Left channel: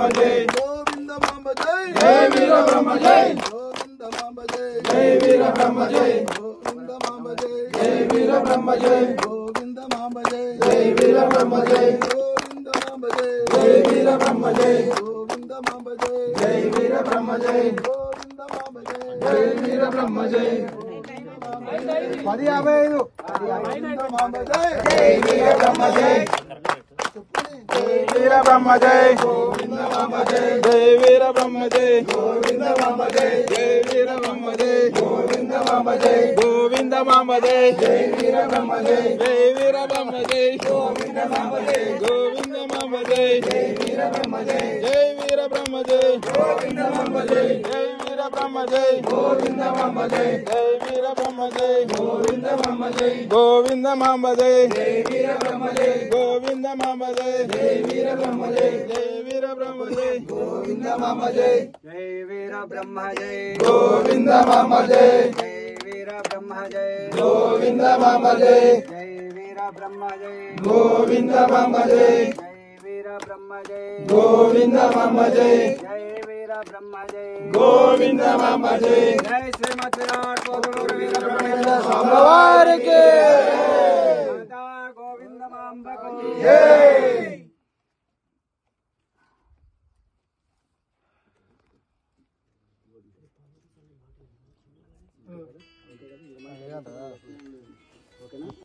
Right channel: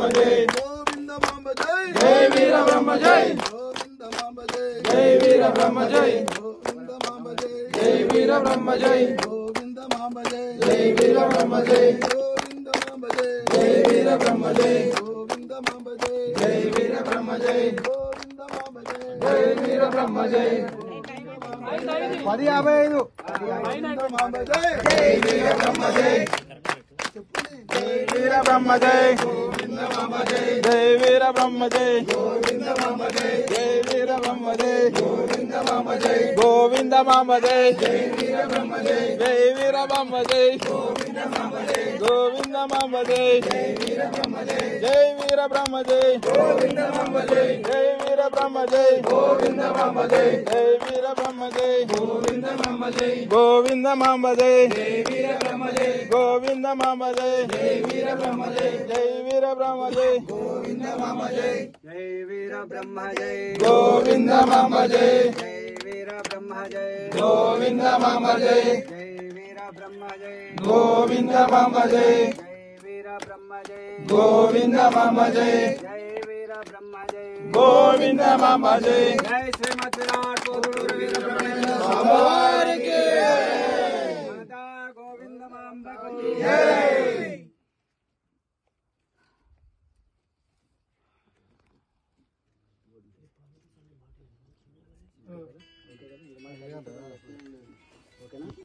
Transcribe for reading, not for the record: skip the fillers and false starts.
బ్రహ్మ జై గోవింద మాంబ జై జై వీర బ్రహ్మ జై గోవింద మాంబ జై జై వీర బ్రహ్మ జై గోవింద మాంబ జై జై వీర బ్రహ్మ జై గోవింద మాంబ జై జై వీర బ్రహ్మ జై గోవింద మాంబ జై జై వీర బ్రహ్మ జై గోవింద మాంబ జై జై వీర బ్రహ్మ జై గోవింద మాంబ జై జై వీర బ్రహ్మ జై 10:55 గోవింద మాంబ జై జై వీర బ్రహ్మ జై జై వీర బ్రహ్మ జై గోవింద మాంబ జై జై వీర బ్రహ్మ జై గోవింద మాంబ జై జై వీర బ్రహ్మ జై గోవింద మాంబ జై గోవింద మాంబ జై జై వీర బ్రహ్మ జై జై వీర బ్రహ్మ జై గోవింద మాంబ జై గోవింద మాంబ జై జై వీర బ్రహ్మ జై జై వీర బ్రహ్మ జై గోవింద మాంబ జై జై వీర బ్రహ్మ జై గోవింద మాంబ జై జై వీర బ్రహ్మ జై గోవింద మాంబ జై గోవింద మాంబ జై జై వీర బ్రహ్మ జై గోవింద మాంబ జై జై వీర బ్రహ్మ జై జై వీర బ్రహ్మ జై గోవింద మాంబ జై జై వీర బ్రహ్మ జై గోవింద మాంబ జై జై వీర బ్రహ్మ జై గోవింద మాంబ జై జై వీర బ్రహ్మ జై గోవింద మాంబ జై జై వీర బ్రహ్మ జై గోవింద మాంబ జై జై వీర బ్రహ్మ జై గోవింద మాంబ జై జై శ్రీమద్ విరాట్ కోహ్లూరు వీర బ్రహ్మేంద్ర అమ్మవారికి మాతా గోవింద మాంబకు జై